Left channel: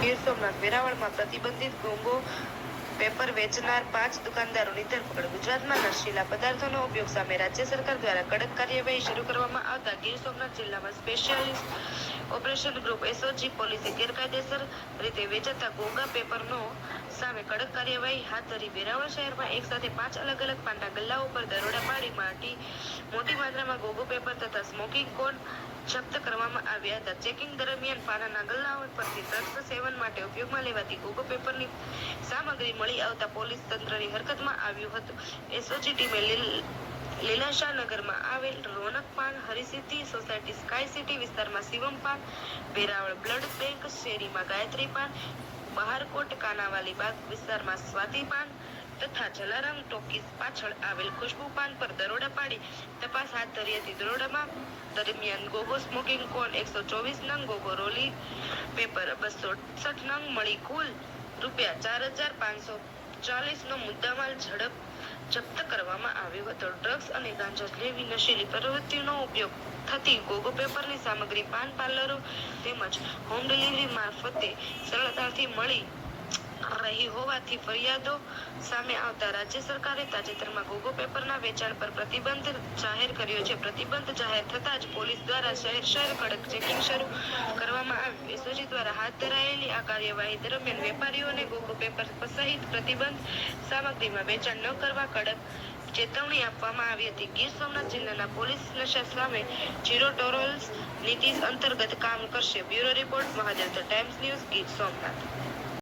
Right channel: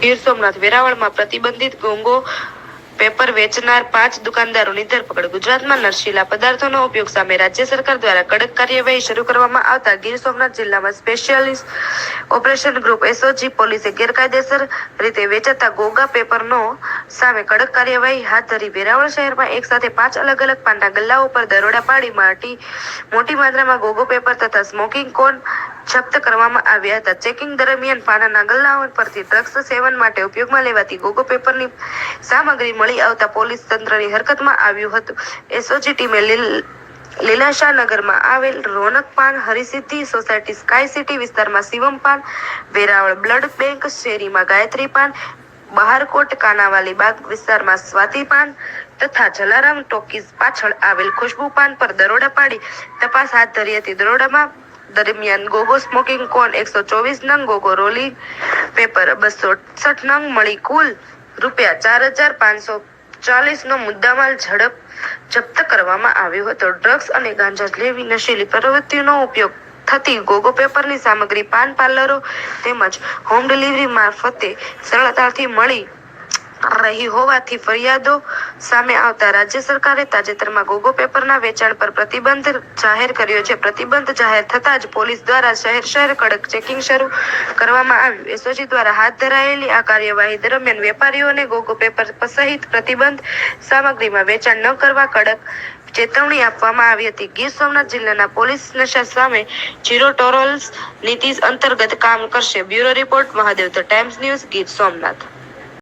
ગીર સોમનાથ વેરાવળમાં પ્રતિબંધિત ગોંગો પેપર વેચનાર 5 દુકાનદારોની ધરપકડ. ગુજરાતમાં નશીલા પદાર્થોનો ઉપયોગ સામે રાજ્ય સરકાર દ્વારા કડક કાર્યવાહી શરૂ કરવામાં આવતા ગીર સોમનાથ જિલ્લામાં સ્પેશિયાલિસ્ટ ઓપરેશન ગ્રુપ એસઓજી પોલીસે ગેરકાયદેસર રીતે વેચાતા ગોગા પેપરનો સામે કડક કાર્યવાહી હાથ ધરી. વેરાવળ શહેરમાં એક સાથે 5 અલગ-અલગ પાનના ગલ્લાઓ પર દરોડા પાડી મોટી માત્રામાં ગોગો પેપર તથા સ્મોકિંગ કોન જપ્ત કરવામાં આવ્યા હતા. ચેકિંગ દરમિયાન પાનના ગલ્લાઓ પરથી ડ્રગ્સ સેવન માટે ઉપયોગમાં લેવાતી ગોગો પેપરની સામગ્રી મળી આવતા પોલીસ તંત્રની હરકતમાં આવ્યું હતું. એસઓજી ટીમે લીલાશાહ નગરમાં આવેલ રોનક પાન, હરિસિદ્ધિ સોસાયટી, સ્કાય સિટી વિસ્તારમાં શિવમ પાન, વેરાવળ બ્લડ બેંક શેરીમાં ગાયત્રી પાન, બહારકોટ કાનાવાલી બાગ વિસ્તારમાં સ્વાતિ પાન તથા જલારામ ટોકીઝ પાછળ આવેલ ખુશ્બુ પાન પર દરોડા પાડી તપાસ હાથ ધરી હતી. દરોડામાં દરમિયાન ગોગો સ્મોકિંગ કોન 124 નંગ, ગોગો રોલી પેપર 268 નંગ મળી કુલ ₹4,540 નો મુદ્દામાલ જપ્ત કરવામાં આવ્યો હતો. ડ્રગ્સ અને ગાંજા જેવી નશીલી પ્રવૃત્તિનો ઉપયોગ થતી ગોગો પેપરની સામગ્રી પાન પાર્લરો તેમજ હોમ ડિલિવરી મારફતે સરળતાથી મળી રહી હોવાથી ફરિયાદો સામે આવતા રાજ્ય સરકારે તાજેતરમાં ગોગો પેપરના વેચાણ પર પ્રતિબંધ જાહેર કર્યો છે. પ્રતિબંધ જાહેર થતાં જ પોલીસ દ્વારા શહેર કડક ચેકિંગ શરૂ કરવામાં આવ્યું. એસઓજી દ્વારા હાથ ધરાયેલી આ કાર્યવાહી દરમિયાન વેપારીઓને ગોગો પેપર સહિત પ્રતિબંધ સામગ્રીમાં વેચાણ ન કરવા કડક ચેતવણી આપવામાં આવી હતી. ગીર સોમનાથ જિલ્લાના પોલીસ નશા સામે ઝીરો ટોલરન્સ નીતિ અંતર્ગત કામ કરશે. Bureau report, Mahadev, the times news, Gir Somnath.